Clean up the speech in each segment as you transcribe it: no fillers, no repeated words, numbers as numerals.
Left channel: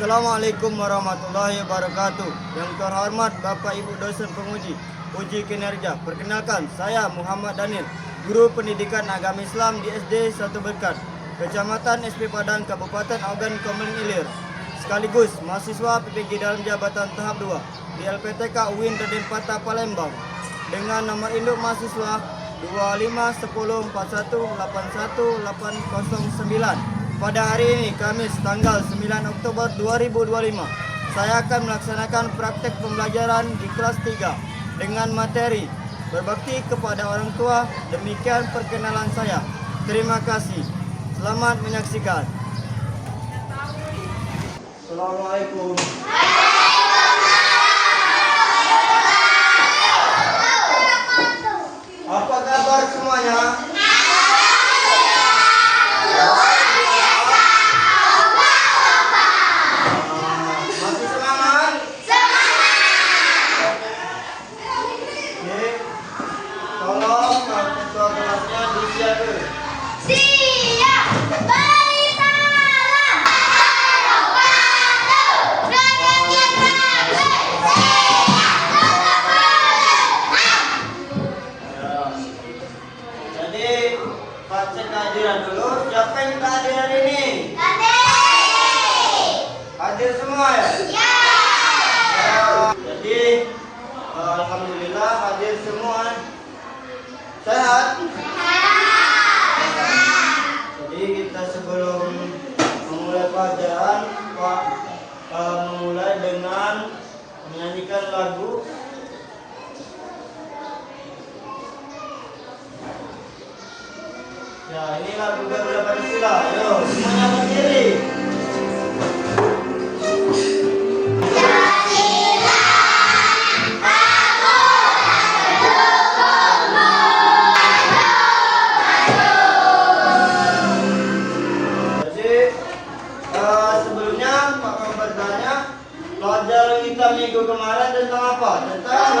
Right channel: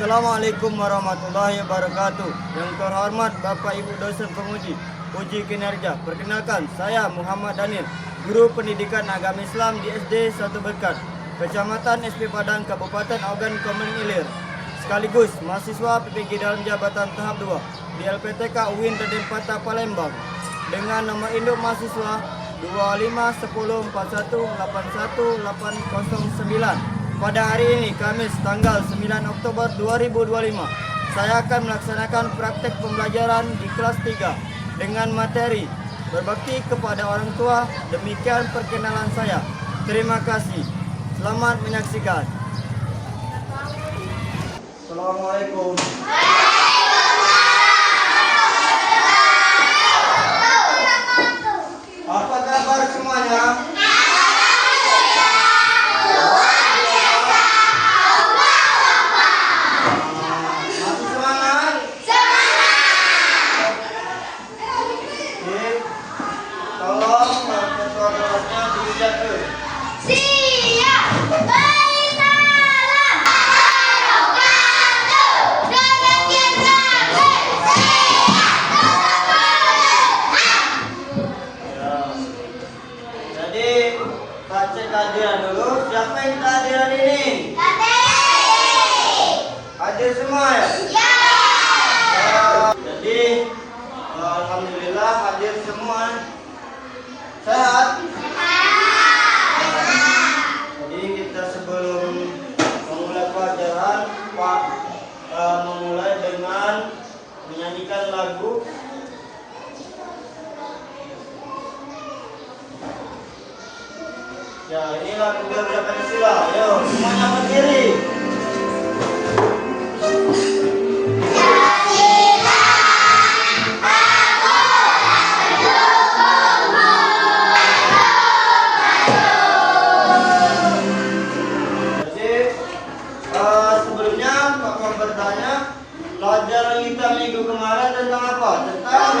Assalamualaikum warahmatullahi wabarakatuh. Yang terhormat Bapak Ibu dosen penguji uji kinerja. Perkenalkan, saya Muhammad Daniel, guru pendidikan agama Islam di SD 1 Berkat, Kecamatan SP Padang, Kabupaten Ogan Komering Ilir. Sekaligus mahasiswa PPG dalam jabatan tahap 2 di LPTK UIN Raden Patah Palembang. Dengan nomor induk mahasiswa 251081810809. Pada hari ini, Kamis tanggal 9 Oktober 2025, saya akan melaksanakan praktek pembelajaran di kelas 3 dengan materi berbakti kepada orang tua. Demikian perkenalan saya. Terima kasih. Selamat menyaksikan. Assalamualaikum. Apa kabar semuanya? Hadiran dulu. Siapa yang kita hadir hari ini? Hadir semua ya? Ya. Jadi alhamdulillah hadir semua. Sehat? Jadi kita sebelum memulai pelajaran, Pak memulai dengan menyanyikan lagu. Ya, ini lagu Garuda Pancasila. Ayo, semuanya berdiri. Jadi, sebelumnya Pak mau bertanya, pelajaran kita minggu kemarin tentang apa? Tentang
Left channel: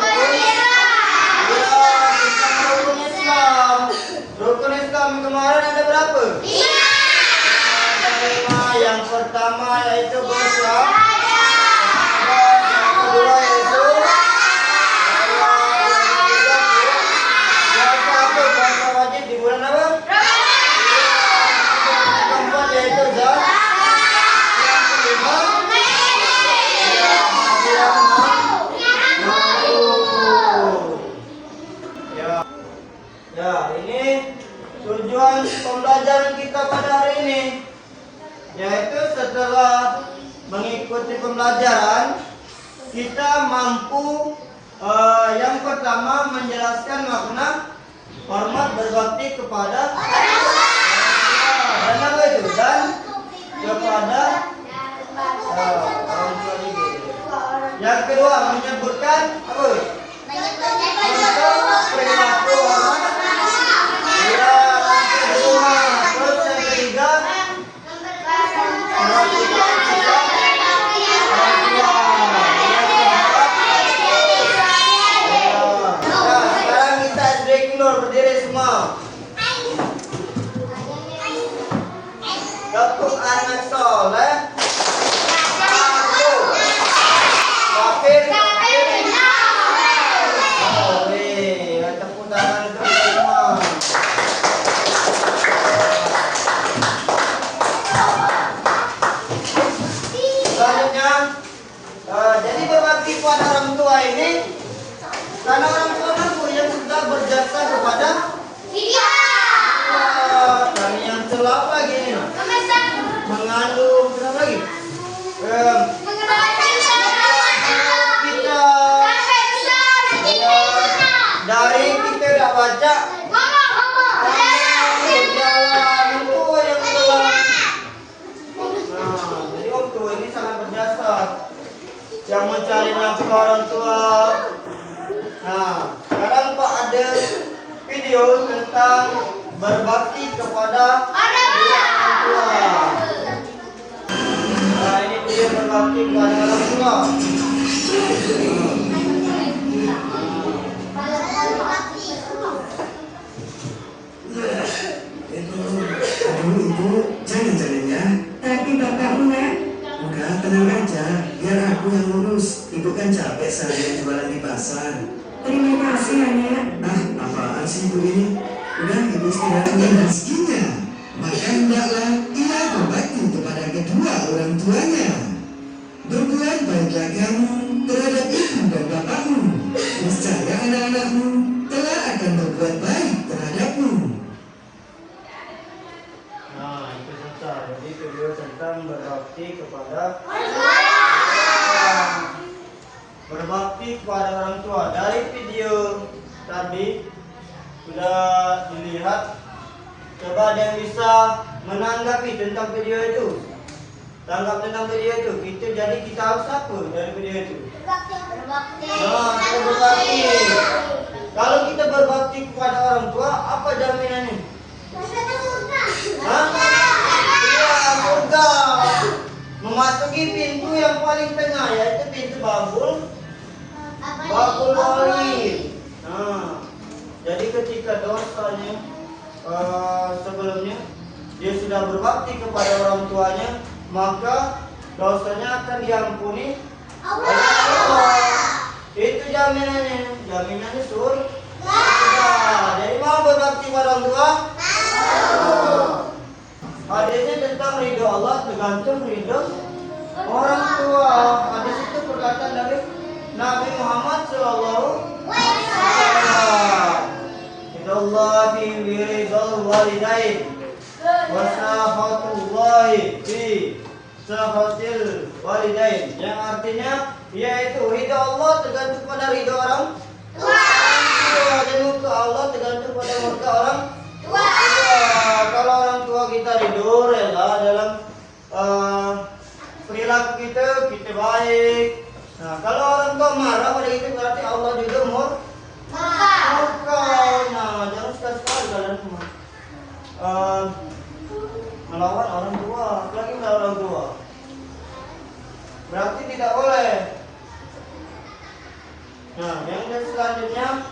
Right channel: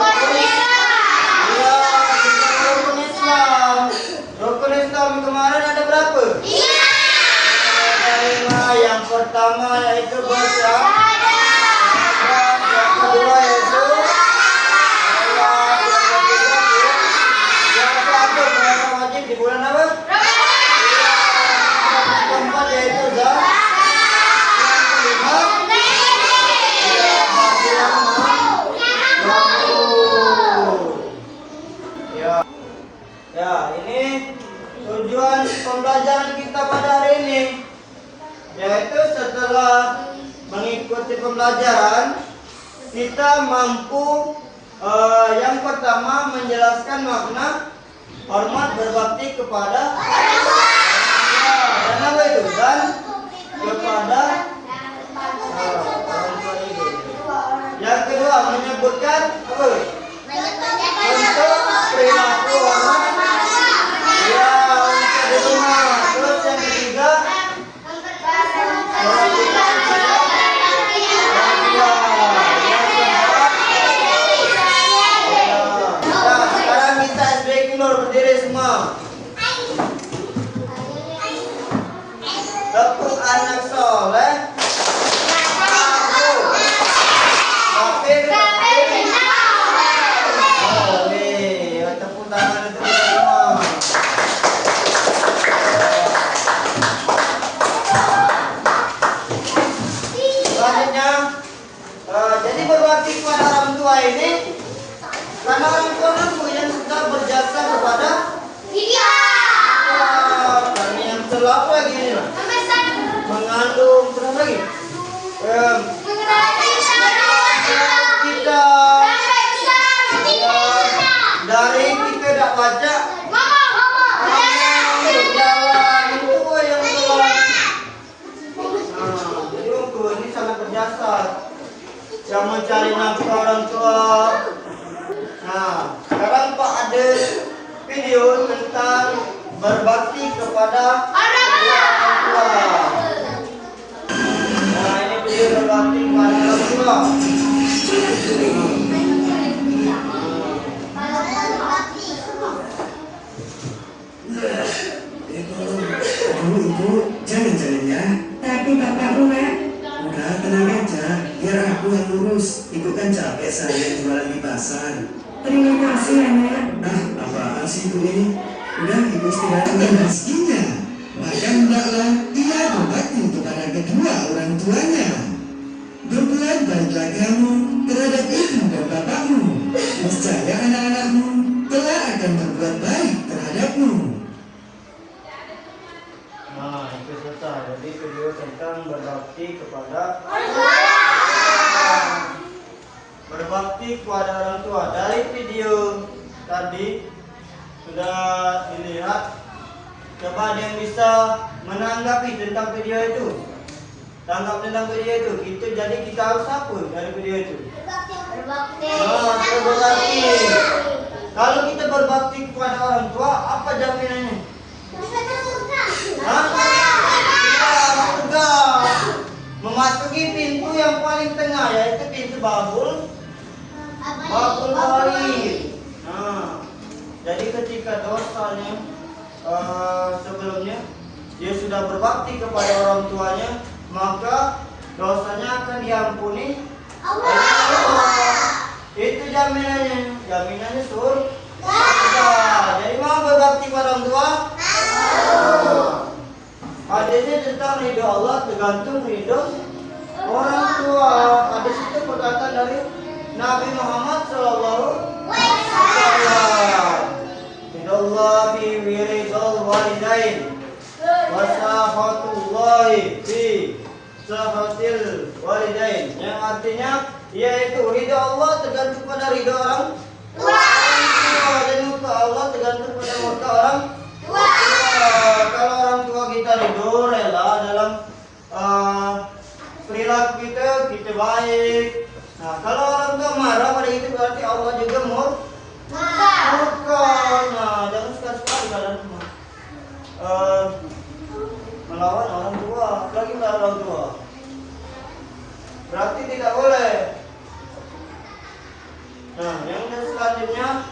rukun Islam. Rukun Islam kemarin ada berapa? 5. Yang pertama yaitu bersyahadat. Yang kedua yaitu yang satu puasa wajib di bulan apa? Yang keempat yaitu zakat. Yang kelima ya, ini tujuan pembelajaran kita pada hari ini, yaitu setelah mengikuti pembelajaran kita mampu yang pertama menjelaskan makna hormat berbakti kepada dan apa itu dan kepada orang tua juga. Yang kedua menyebutkan apa? Untuk perilaku orang. Terus yang ketiga sekarang kita break dulu, berdiri semua. Tepuk anak soleh. Tepuk tangan itu semua. Jadi berbakti kepada orang tua ini karena orang tua yang sudah berjasa kepada kita. Dan yang celap lagi ini lah, mengandung celap lagi kita dari kita tidak baca jalan itu yang benar. Jadi orang tua ini sangat berjasa yang mencari nafkah orang tua. Nah, sekarang Pak ada video tentang berbakti kepada orang tua. Nah, ini video berbakti kepada orang tua. Ibu, jangan ya. Tapi bapakmu nak, udah tenang aja, biar aku yang ngurus. Ibu kan capek seharian jualan di pasar. Terima kasih ya, Nek. Apaan sih ibu ini? Udah, ibu istirahat dengan rezekinya. Maka hendaklah ia berbakti kepada kedua orang tuanya. Berbuat baiklah kamu terhadap ibu dan bapakmu. Niscaya anak-anakmu telah akan berbuat baik terhadapmu. Nah, itu selesai. Jadi video tentang berbakti kepada berbakti kepada orang tua. Dari video tadi sudah dilihat. Coba ada yang bisa menanggapi tentang video itu. Tanggap tentang video itu. Kita harus apa dari video itu? Berbakti. Nah, kita berbakti. Kalau kita berbakti kepada orang tua, apa jaminannya? Hah? Iya, surga. Memasuki pintu yang paling tengah, yaitu pintu babul wahid. Nah, jadi ketika dosanya sebelumnya dia sudah berbakti kepada orang tuanya, maka dosanya akan diampuni oleh Allah. Itu jaminannya surga. Jadi mau berbakti kepada orang tua? Hadisnya tentang ridho Allah tergantung ridho orang tua. Hadis itu perkataan dari Nabi Muhammad SAW. Allah fi wiridul walidain wa sahatullahi fi sahatil walidain, yang artinya yaitu ridha Allah tergantung pada ridha orang tua, dan murka Allah tergantung pada murka orang tua. Kalau orang tua kita ridho, rela dalam perilaku kita baik. Nah, kalau orang tua marah pada itu berarti Allah juga murka. Nah, jangan sekali-sekali kalian melawan orang tua, lagi melawan orang tua. Berarti tidak boleh. Nah, yang selanjutnya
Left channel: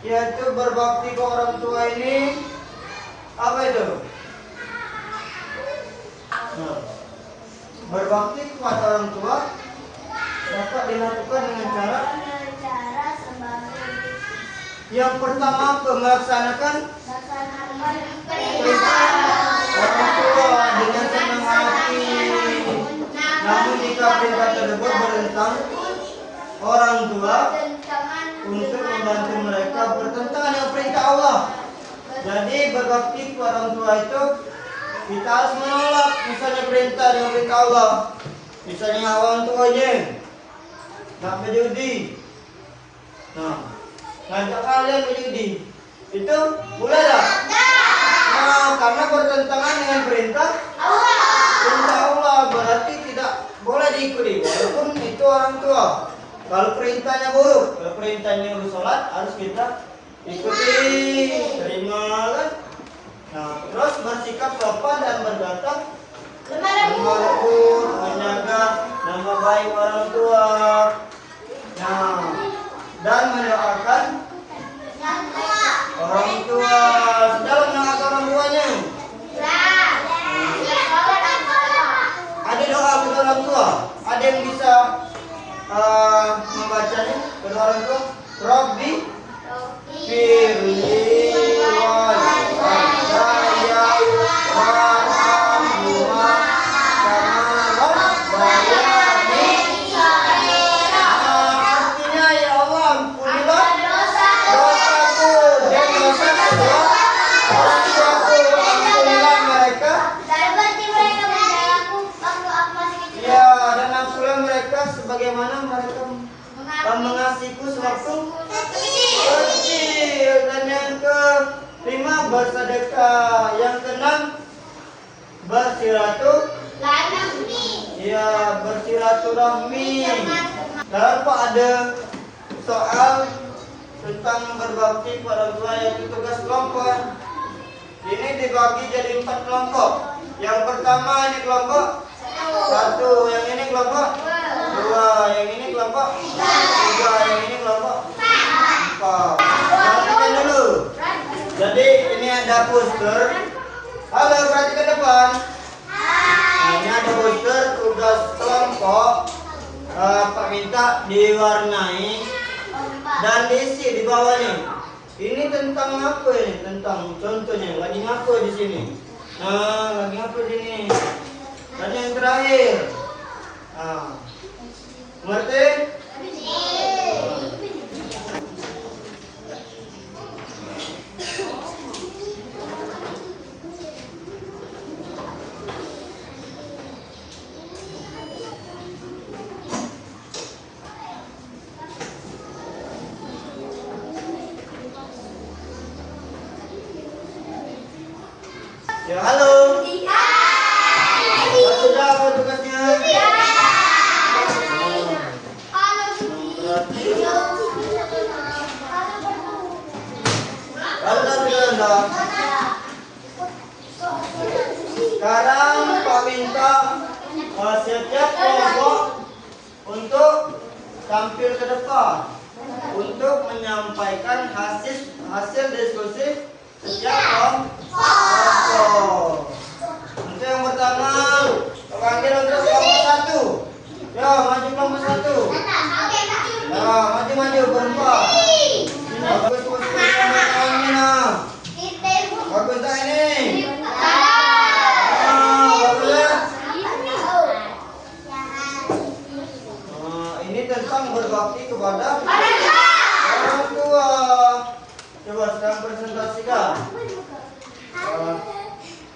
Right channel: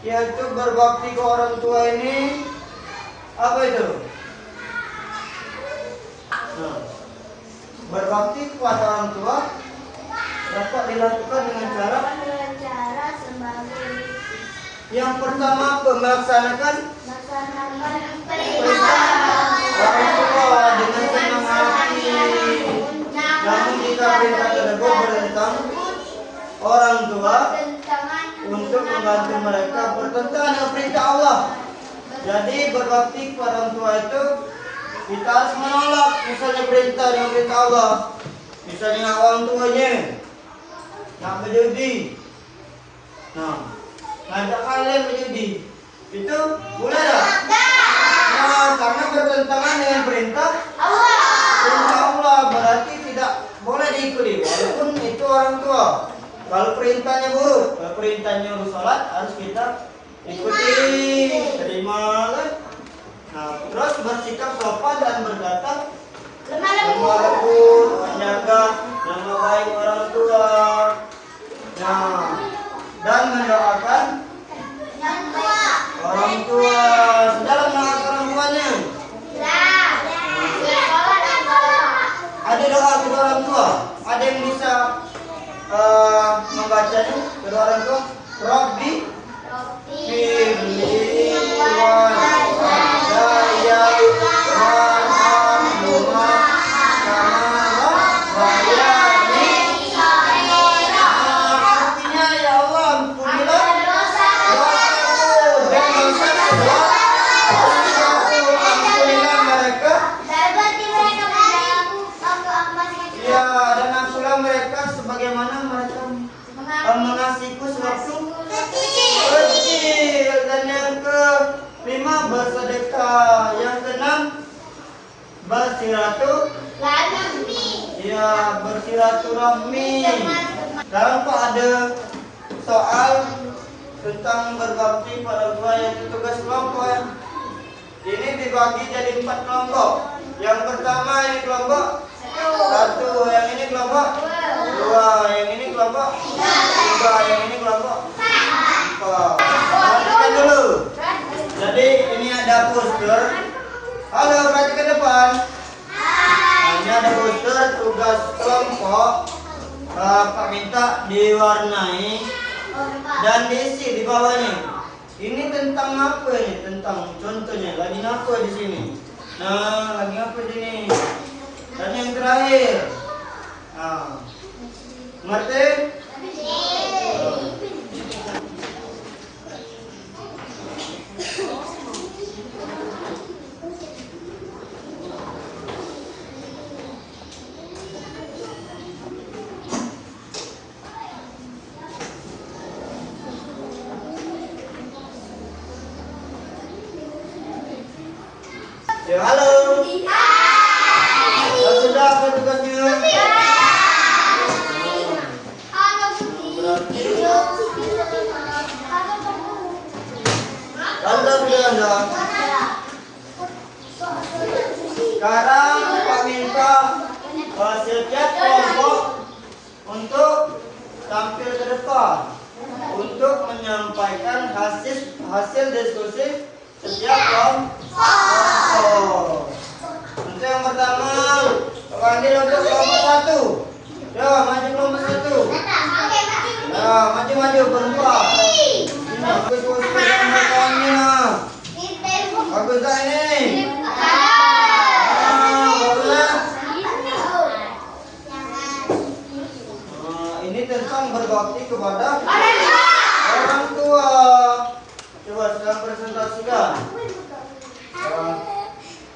yaitu berbakti ke orang tua ini apa itu? Nah, berbakti kepada orang tua dapat dilakukan dengan cara yang pertama, melaksanakan perintah orang tua dengan senang hati. Namun jika perintah tersebut bertentang orang tua untuk membantu mereka bertentangan dengan perintah Allah. Jadi berbakti kepada orang tua itu kita harus menolak misalnya perintah dengan perintah Allah. Misalnya orang tuanya nak berjudi. Ngajak kalian berjudi, itu boleh tak? Nah, karena bertentangan dengan perintah Allah, berarti tidak boleh diikuti, walaupun itu orang tua. Kalau perintahnya buruk, kalau perintahnya harus sholat, harus kita ikuti, terima kan? Nah, terus bersikap sopan dan berkata lemah lembut, menjaga nama baik orang tua. Nah, dan mendoakan orang tua. Sudah mendoakan orang tuanya. Ada doa kedua orang tua. Ada yang bisa membacanya kedua orang tua. Rabbi firli walidayya warhamhuma kama rabbayani. Artinya ya Allah, ampunilah dosaku dan dosa kedua orang tuaku. Ampunilah mereka. Ya, dan ampunilah mereka sebagaimana mereka mengasihiku sewaktu kecil. Dan yang kelima bersedekah. Yang keenam bersilaturahmi. Dalam Pak ada soal tentang berbakti pada tua, yaitu tugas kelompok. Ini dibagi jadi 4 kelompok. Yang pertama ini kelompok 1, yang ini kelompok 2, yang ini kelompok 3, yang ini kelompok 4. Perhatikan dulu. Jadi ini ada poster. Halo, perhatikan depan. Nah, ini ada poster tugas kelompok. kelompok Pak minta diwarnai dan diisi di bawahnya. Ini tentang apa ini? Tentang contohnya lagi apa di sini? Nah, lagi apa di sini? Dan yang terakhir, ngerti? Ya, halo. Sudah apa tugasnya? Sudah. Sekarang Pak minta setiap kelompok untuk tampil ke depan untuk menyampaikan hasil diskusi setiap kelompok. Untuk yang pertama, panggil untuk kelompok 1. Ya, maju kelompok 1. Ya, maju berempat. Ini bagus bagus tak ini? Bagus ya? Ini tentang berbakti kepada orang tua. Coba sedang presentasikan.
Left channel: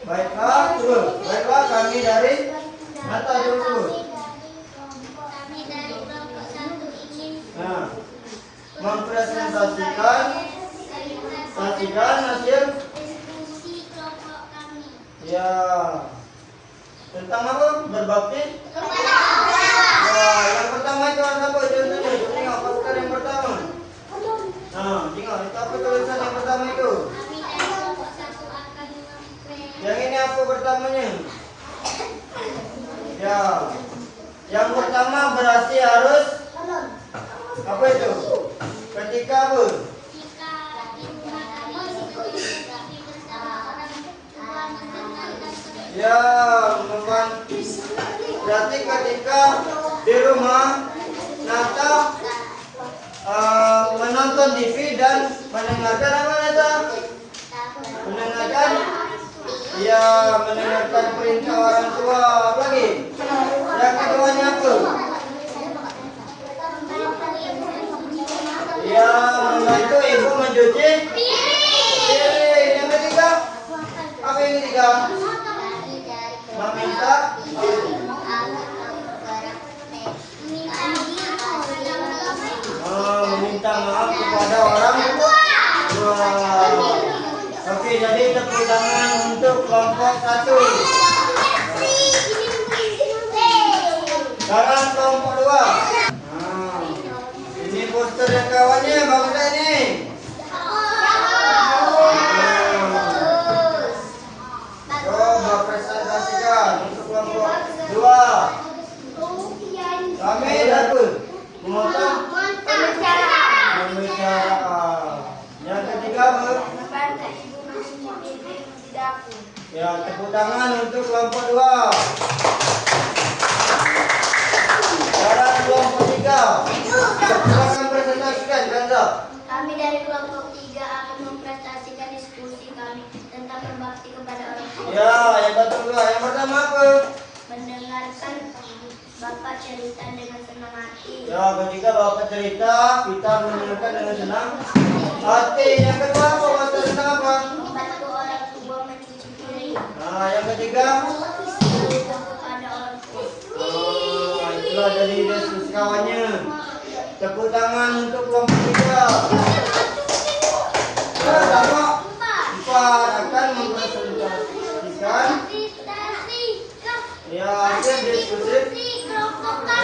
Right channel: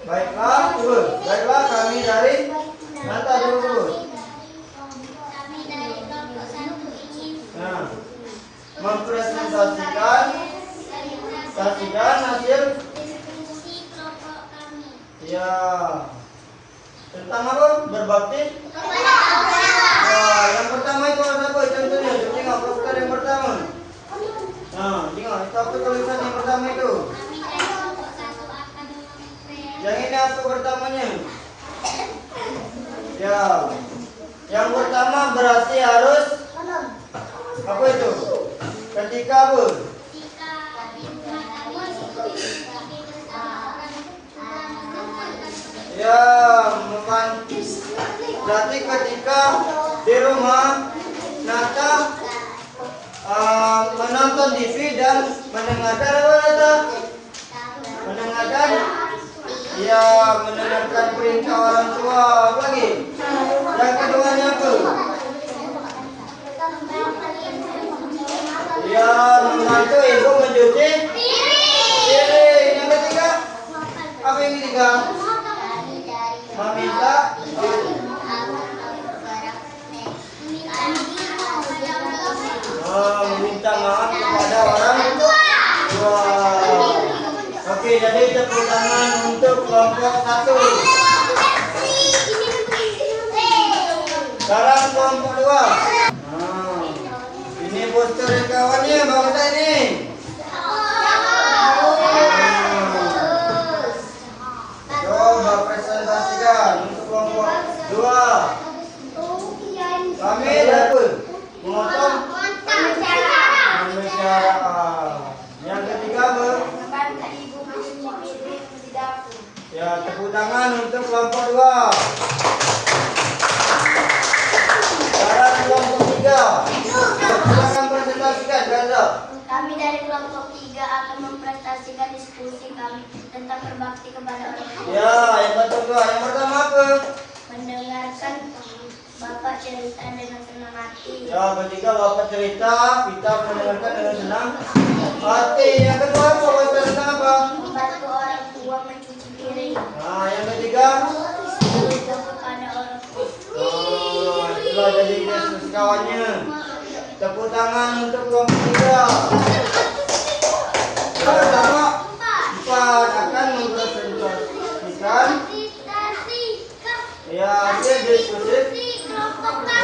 Baiklah kami dari Nata dulu. Nah, mempresentasikan hasil ya tentang apa? Berbakti. Nah, yang pertama itu ada apa? Contohnya, tengok poster yang pertama. Nah, tengok itu apa tulisan yang pertama itu? Yang ini apa pertamanya? Ya, yang pertama berarti harus apa itu? Ketika apa? Ya, berarti ketika di rumah Nata menonton TV dan mendengarkan apa Nata? Mendengarkan perintah orang tua. Apa lagi? Yang keduanya apa? Ya, membantu ibu mencuci piring. Yang ketiga? Apa yang ketiga? Meminta maaf kepada orang tua. Oke, jadi tepuk tangan untuk kelompok 1. Sekarang kelompok 2. Ini poster yang kawannya, bagus ini. Coba presentasikan untuk kelompok 2. Kami dapat memotong pembicaraan. Yang ketiga apa? Ya, tepuk tangan untuk kelompok 2. Sekarang kelompok 3. Silakan presentasikan, Gaza. Kami dari kelompok 3 akan mempresentasikan diskusi kami tentang berbakti kepada orang tua. Ya, yang kedua. Yang pertama apa? Mendengarkan Bapak cerita dengan senang hati. Ya, ketika Bapak cerita, kita mendengarkan dengan senang hati. Yang kedua apa? Posternya apa? Membantu orang tua mencuci piring. Nah, yang ketiga? Kepada orang tua. Itulah jadi diskusi kawannya. Tepuk tangan untuk kelompok 3. Kelompok 4 akan mempresentasikan ya hasil diskusi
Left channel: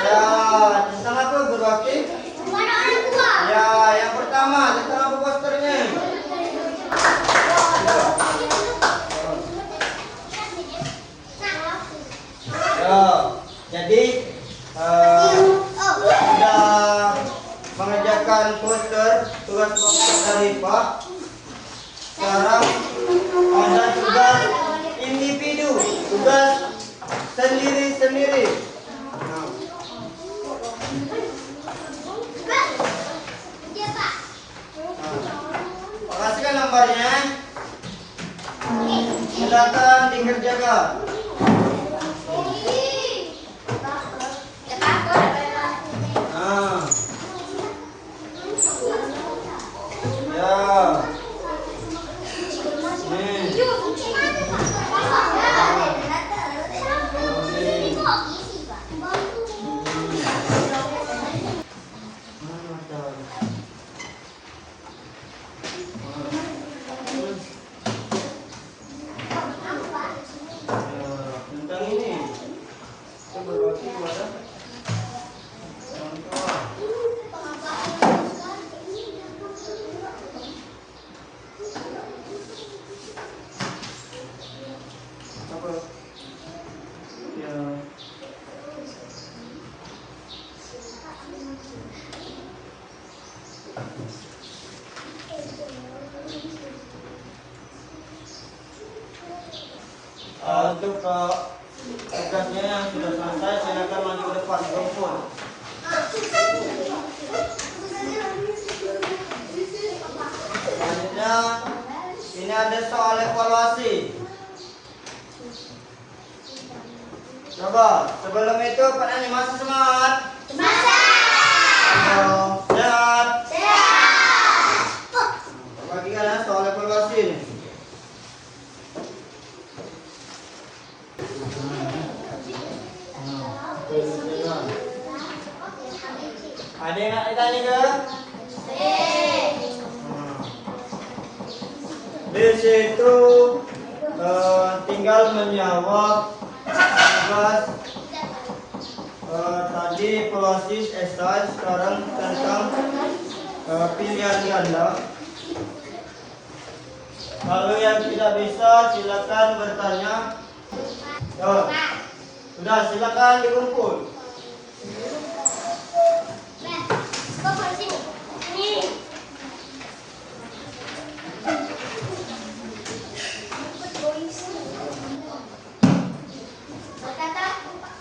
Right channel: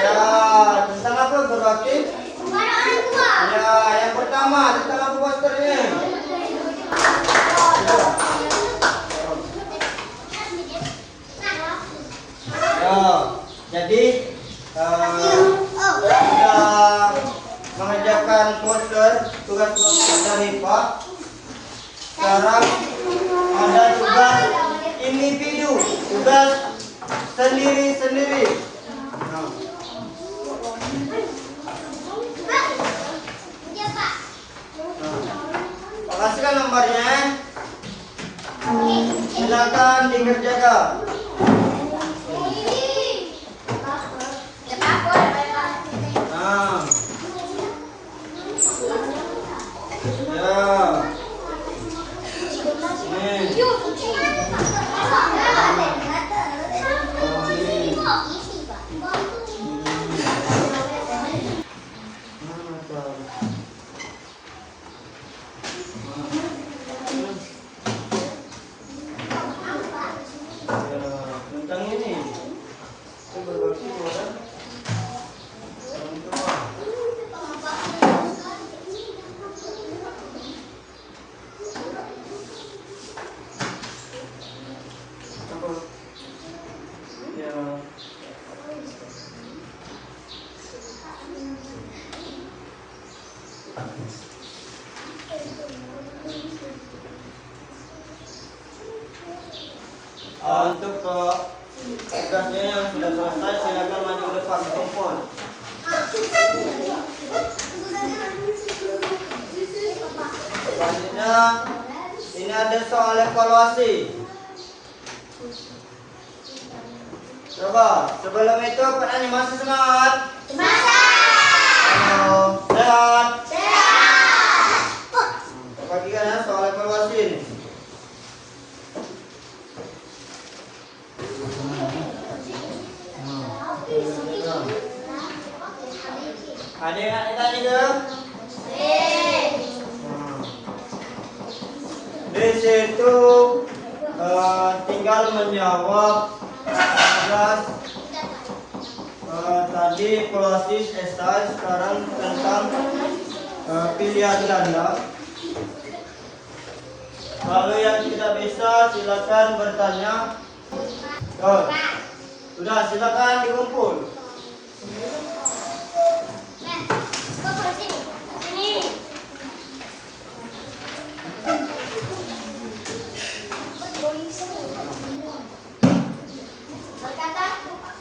ya tentang apa berbakti Kepada orang tua. ya yang pertama tentang apa posternya ya jadi sudah mengerjakan poster tugas kelompok dari Pak. Sekarang ada tugas individu, tugas sendiri-sendiri. Nah, kan lembarnya? Silakan dikerjakan. Nah. Ya. Nih. Tentang ini. Coba berbakti kepada orang tua. Apa? Ya. Untuk tugasnya yang sudah selesai, silakan maju ke depan kumpul. Selanjutnya, ini ada soal evaluasi. Coba, sebelum itu penanya masih semangat? Semangat! Sehat? Sehat! Bagikan ya soal evaluasi ini. Ada yang nak ditanya ke? Di situ tinggal menjawab tugas tadi evaluasi esai, sekarang tentang pilihan ganda. Kalau yang tidak bisa silakan bertanya. Sudah, silakan dikumpul.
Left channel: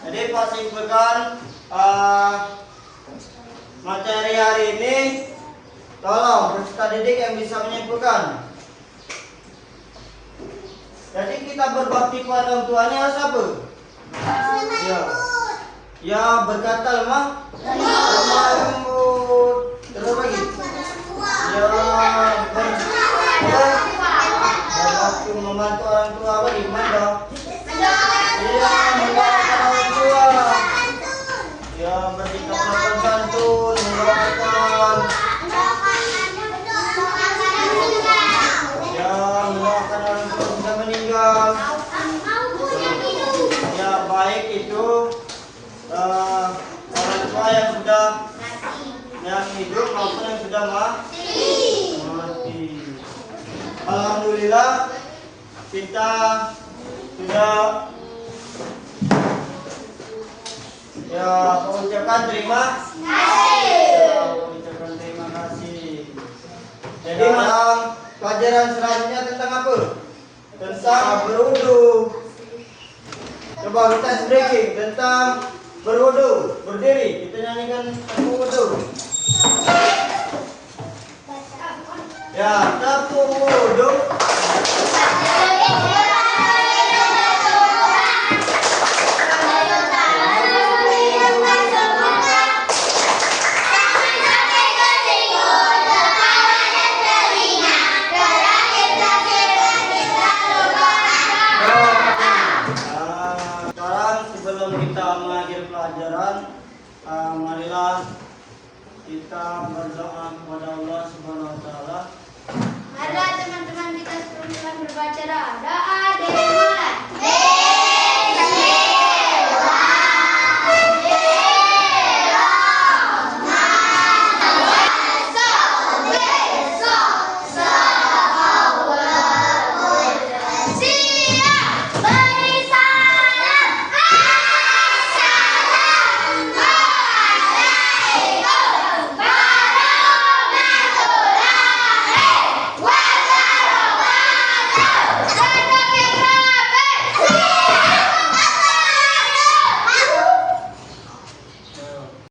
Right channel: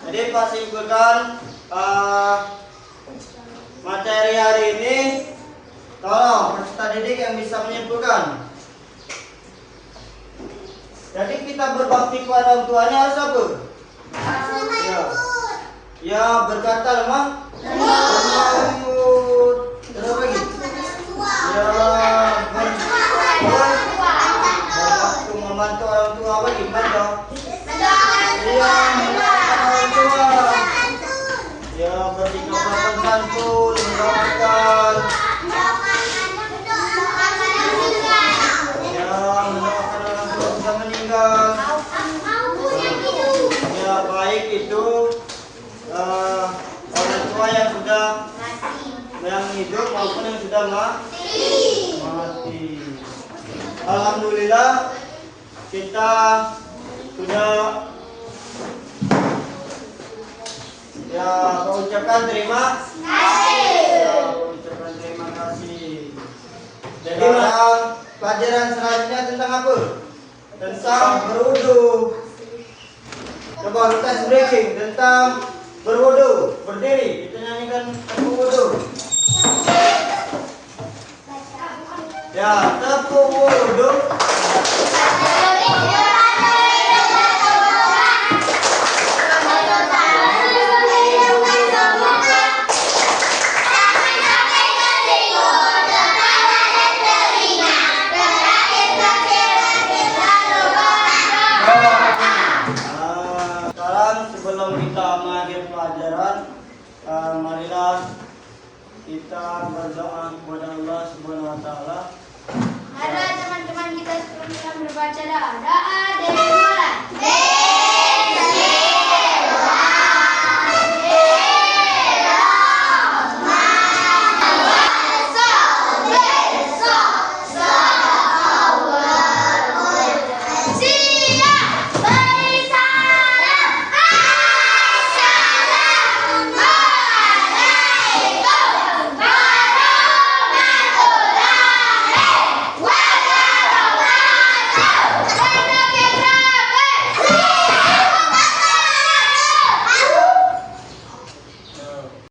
Jadi Pak simpulkan materi hari ini. Tolong peserta didik yang bisa menyimpulkan. Jadi kita berbakti pada orang tuanya siapa? Ya, ya berkata lemah. Lembut. Terus lagi. Ya, berbakti membantu orang tua lagi. Mana? Ya, mendoakan orang tua. Ya, bersikap sopan santun, mendoakan. Ya, mendoakan orang tua sudah meninggal. Ya, baik itu orang tua yang sudah yang hidup maupun yang sudah mati. Alhamdulillah kita sudah ya mengucapkan terima kasih. Ya, mengucapkan terima kasih. Jadi pelajaran selanjutnya tentang apa? Tentang berwudu. Coba kita breaking tentang berwudu. Berdiri, kita nyanyikan berwudu. Ya, tepuk wudu. Sebelum kita mengakhiri pelajaran, marilah kita berdoa kepada Allah Subhanahu wa taala. Ada teman-teman kita sebelum kita berbaca doa. Doa dari mulai.